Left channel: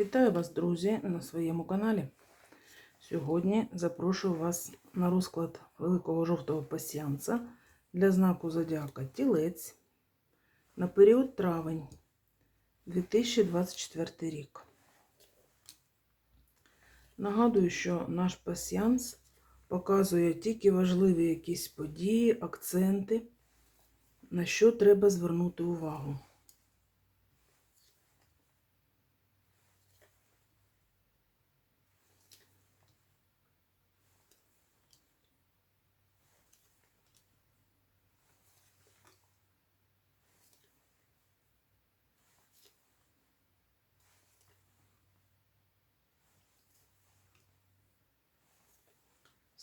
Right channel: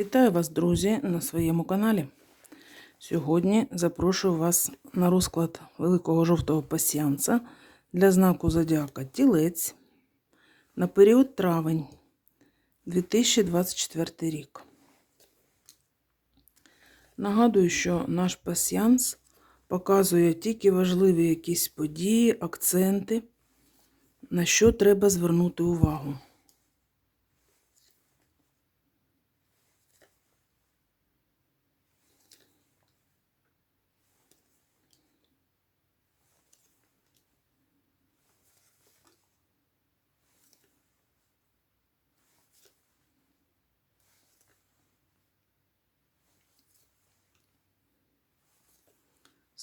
Вітаю вас, друзі, на своєму каналі. Сьогодні запрошую вас на розклад великого жовтого пасіанса для знаку Зодіака Тілець на період травень 2024 рік. Нагадую, що наш пасіанс показує тільки важливі якісь події, акценти, на що треба звернути увагу.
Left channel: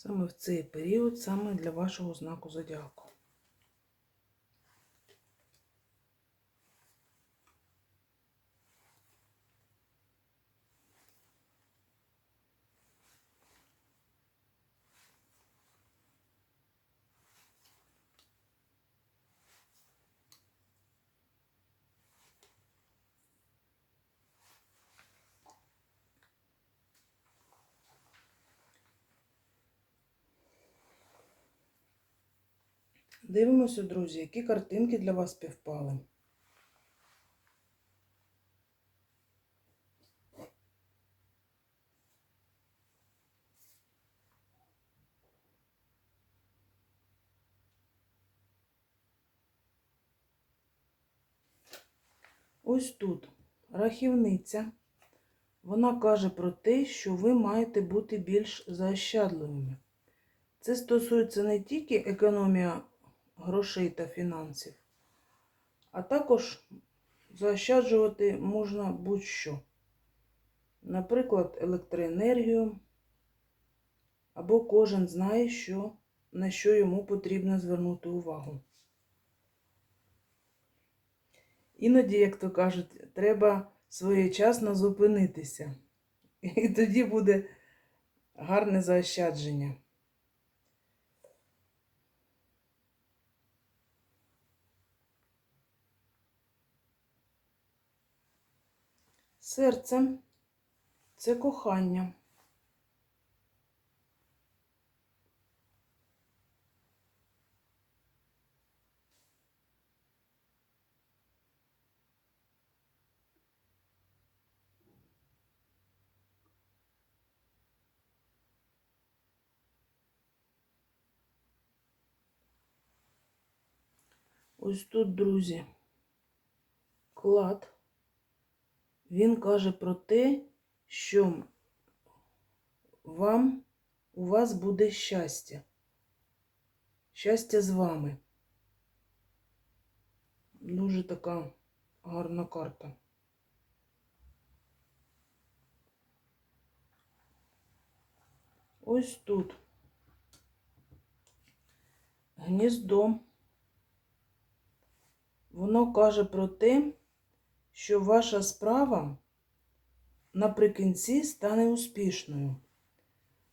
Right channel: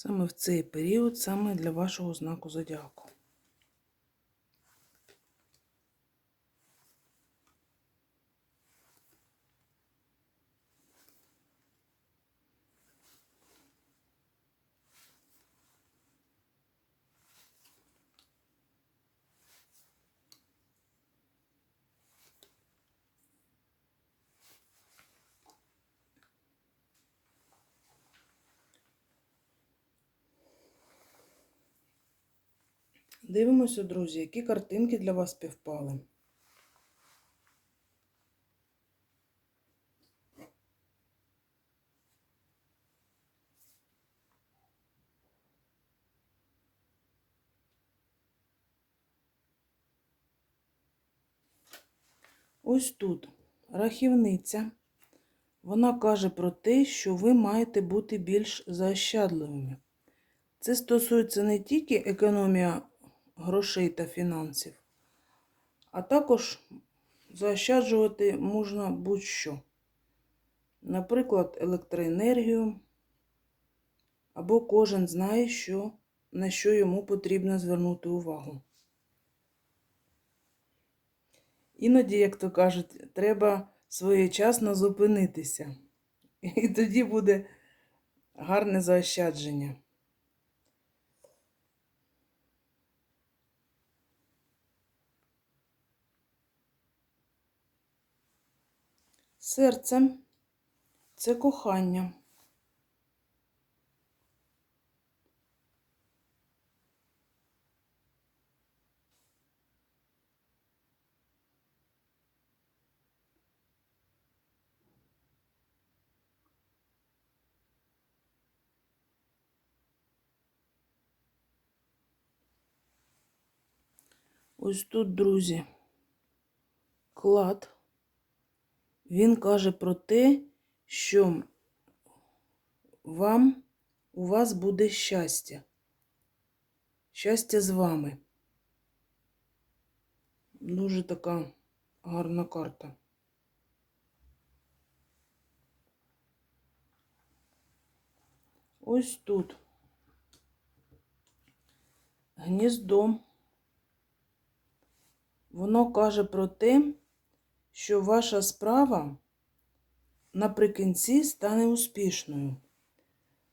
Саме в цей період, саме для вашого знаку зодіаку. Дивимося, друзі, які картинки для вас співпали. Ось тут рахівниця. Вона каже про те, що ви маєте бути більш заощадливими. Це стосується не тільки економія грошей та фінансів, а також заощаджувати можна будь-що. Наприклад, електроенергію, або кожен знає, що, на що йому потрібно звернути увагу. Іноді, як то кажуть, треба своєчасно зупинитися. І тоді буде гарне заощадження. Серце це кохання. Ось тут, друзі, клад. Він каже про те, що вам, у вас буде щастя. Щастя з вами. Дуже така гарна карта. Ось тут гніздо. Воно каже про те, що ваша справа наприкінці стане успішною.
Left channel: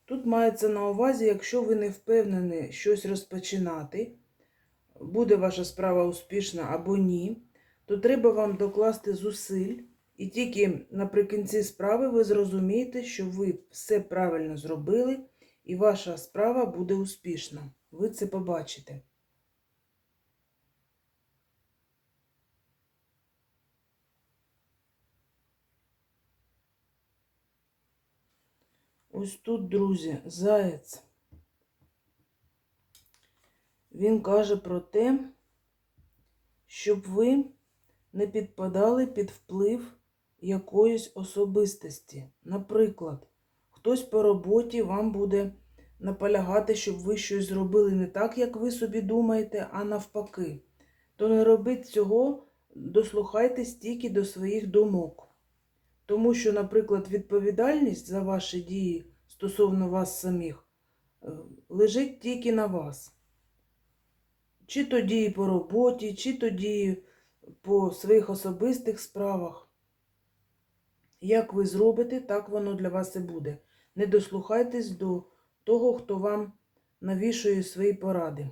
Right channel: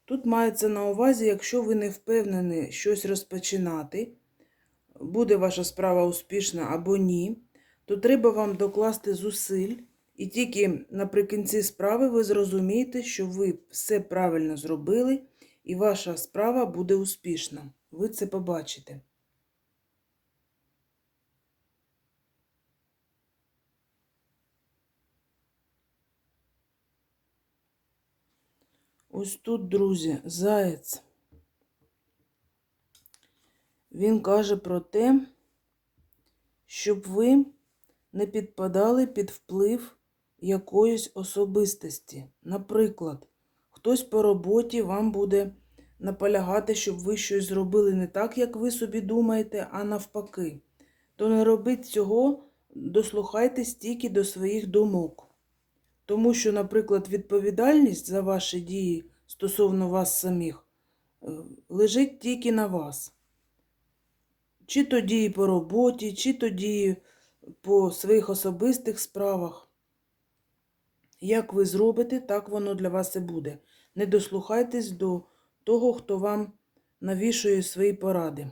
Тут мається на увазі, якщо ви не впевнені щось розпочинати, буде ваша справа успішна або ні, то треба вам докласти зусиль, і тільки наприкінці справи ви зрозумієте, що ви все правильно зробили, і ваша справа буде успішна. Ви це побачите. Ось тут, друзі, заєць. Він каже про те, щоб ви не підпадали під вплив якоїсь особистості. Наприклад, хтось по роботі вам буде наполягати, щоб ви щось зробили не так, як ви собі думаєте, а навпаки. То не робіть цього, дослухайтесь тільки до своїх думок. Тому що, наприклад, відповідальність за ваші дії стосовно вас самих е, лежить тільки на вас. Чи то дії по роботі, чи то дії по своїх особистих справах. Як ви зробите, так воно для вас і буде. Не дослухайтесь до того, хто вам навішує свої поради.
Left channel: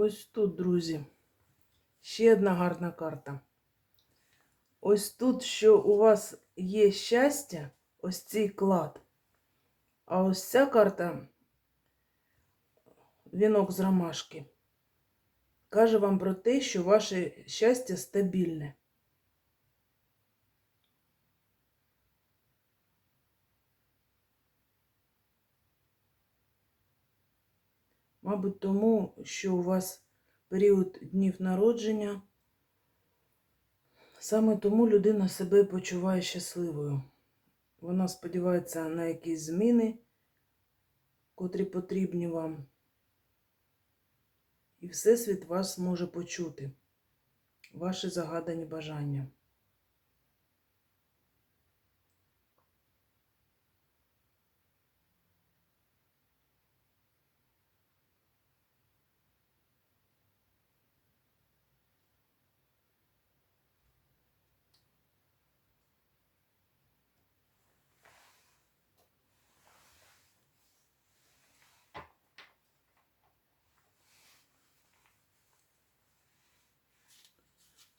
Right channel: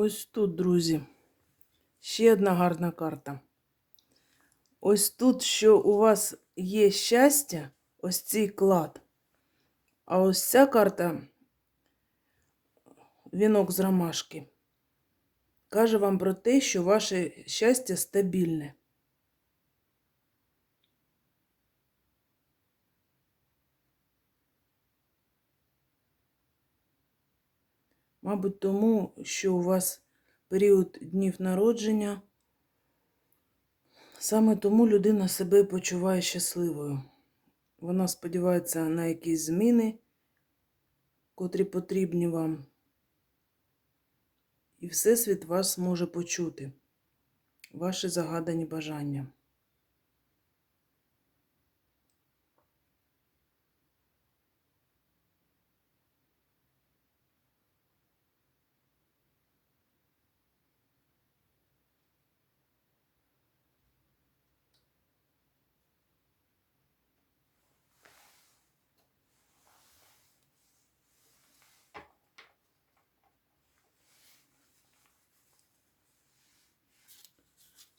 Ось тут, друзі, ще одна гарна карта. Ось тут, що у вас є щастя, ось цей клад. А ось ця карта вінок з ромашки. Каже вам про те, що ваше щастя стабільне. Мабуть, тому, що у вас період днів народження, саме тому людина себе почуває щасливою. Вона сподівається на якісь зміни, котрі потрібні вам. І Всесвіт вас може почути, ваші загадані бажання.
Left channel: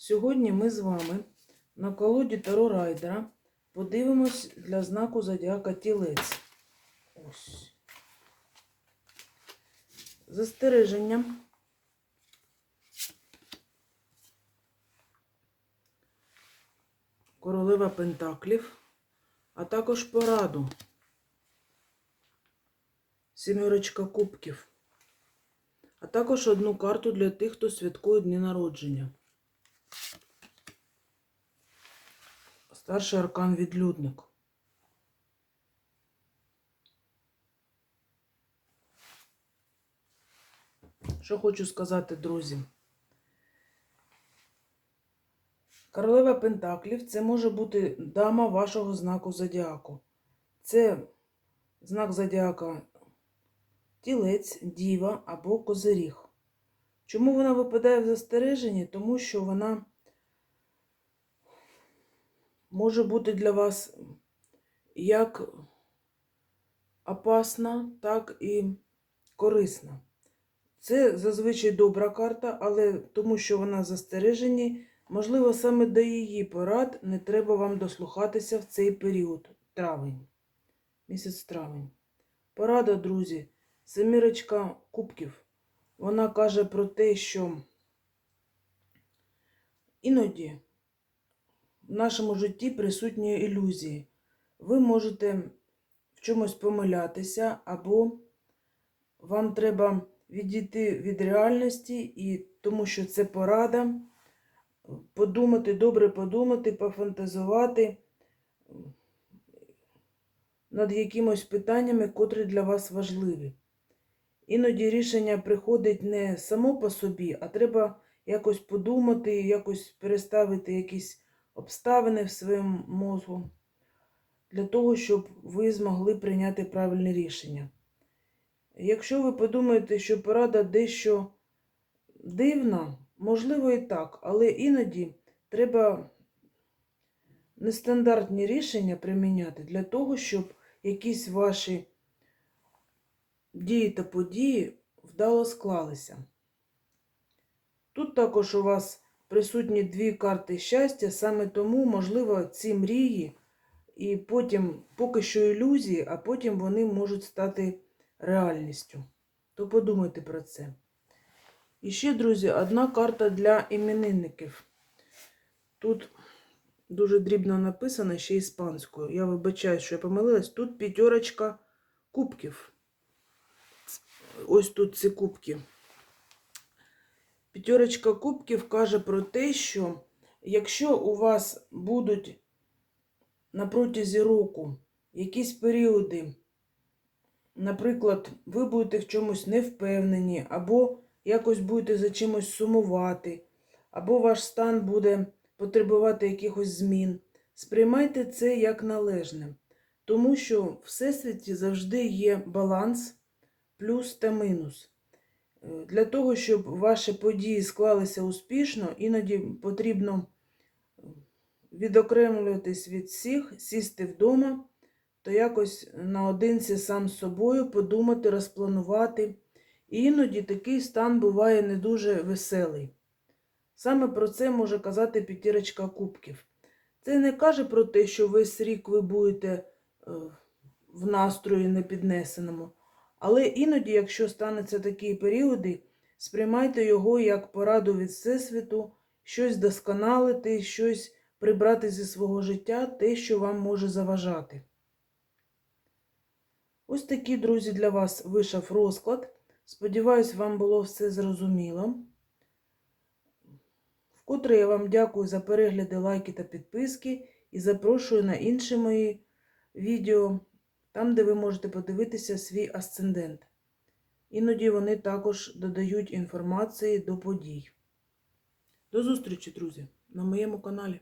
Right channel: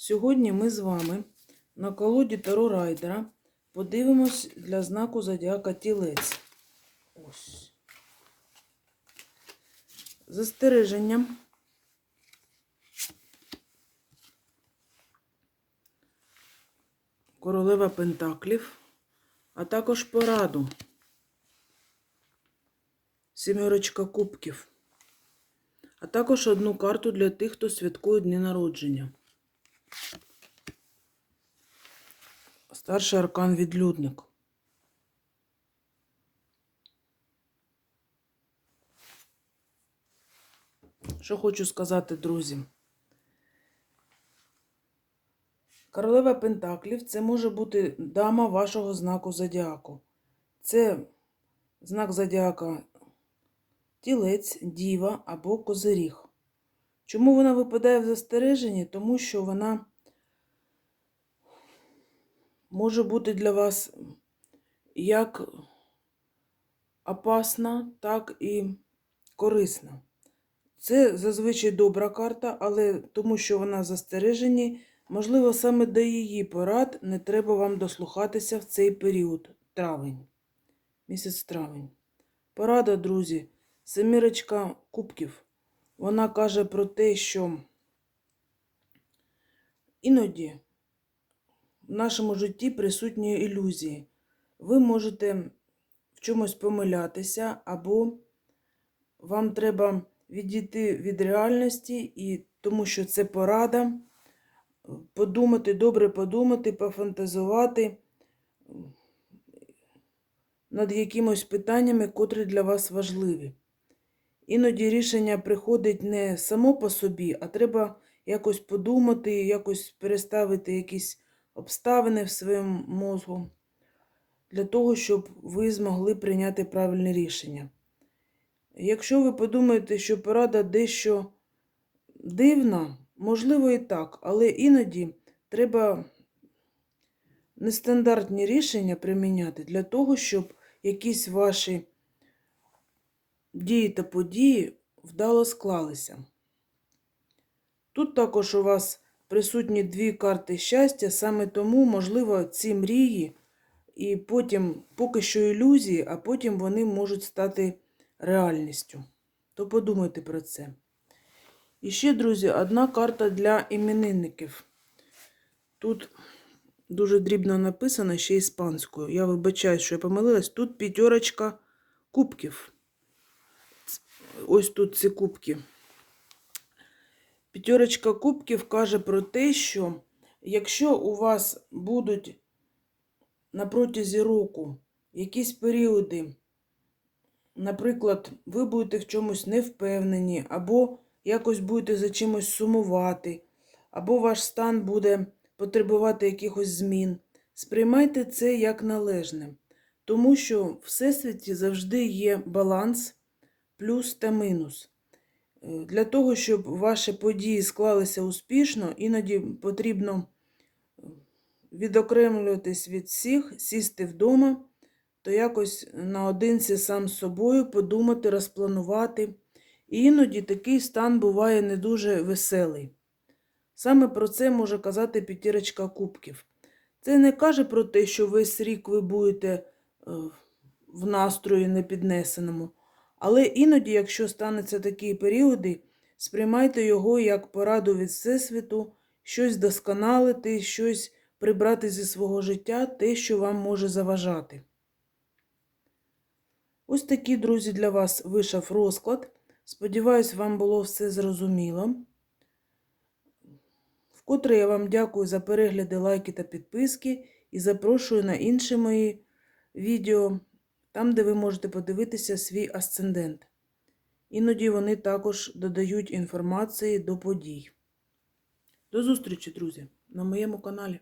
Сьогодні ми з вами на колоді Таро Райдера подивимось для знаку Зодіака Тілець. Ось. Застереженням. Королева Пентаклів, а також пораду. Сімерочка кубків. А також одну карту для тих, хто святкує дні народження. Старший аркан відлюдник. Що хочу сказати, друзі? Королева Пентаклів це може бути дама вашого знаку зодіаку. Це знак зодіака тілець, діва або козиріг. Чому вона випадає в застереженні? Тому що вона може бути для вас як опасна, так і корисна. Це зазвичай добра карта, але тому що вона в застереженні, можливо, саме до її порад не треба вам дослухатися в цей період травень. Місяць травень. Порада, друзі, семірочка кубків. Вона каже про те, що іноді в нашому житті присутні ілюзії. Ви можете в чомусь помилятися, або вам треба відійти від реальності, і тому що це порада, подумати, добре подумати, пофантазувати над якимось питаннями, котрі для вас важливі. Іноді рішення приходить не само по собі, а треба якось подумати, якось переставити якісь обставини в своєму мозку для того, щоб ви змогли прийняти правильне рішення. Якщо ви подумаєте, що порада дещо дивна, можливо і так, але іноді треба нестандартні рішення приміняти для того, щоб якісь ваші дії та події вдало склалися. Тут також у вас присутні дві карти щастя, саме тому, можливо, ці мрії, і потім поки що ілюзії, а потім вони можуть стати реальністю. То подумайте про це. І ще, друзі, одна карта для іменинників. Тут дуже дрібно написано ще іспанською. Я вибачаю, що я помилилась. Тут п'ятерочка кубків. Ось тут ці кубки. П'ятерочка кубків каже про те, що якщо у вас будуть на протязі року якісь періоди, наприклад, ви будете в чомусь невпевнені, або якось будете за чимось сумувати, або ваш стан буде потребувати якихось змін, сприймайте це як належне, тому що в всесвіті завжди є баланс плюс та мінус. Е, Для того, щоб ваші події склалися успішно, іноді потрібно е, відокремлюватись від всіх, сісти вдома, то якось наодинці сам з собою подумати, розпланувати І іноді такий стан буває не дуже веселий. Саме про це може казати п'ятірочка кубків. Це не каже про те, що весь рік ви будете е, в настрої непіднесеному. Але іноді, якщо стануться такі періоди, сприймайте його як пораду від Всесвіту, щось досконалити, щось прибрати зі свого життя, те, що вам може заважати. Ось такий, друзі, для вас вийшов розклад. Сподіваюсь, вам було все зрозуміло. Вкотре я вам дякую за перегляди, лайки та підписки і запрошую на інші мої відео, там, де ви можете подивитися свій асцендент. Іноді вони також додають інформації до подій. До зустрічі, друзі, на моєму каналі.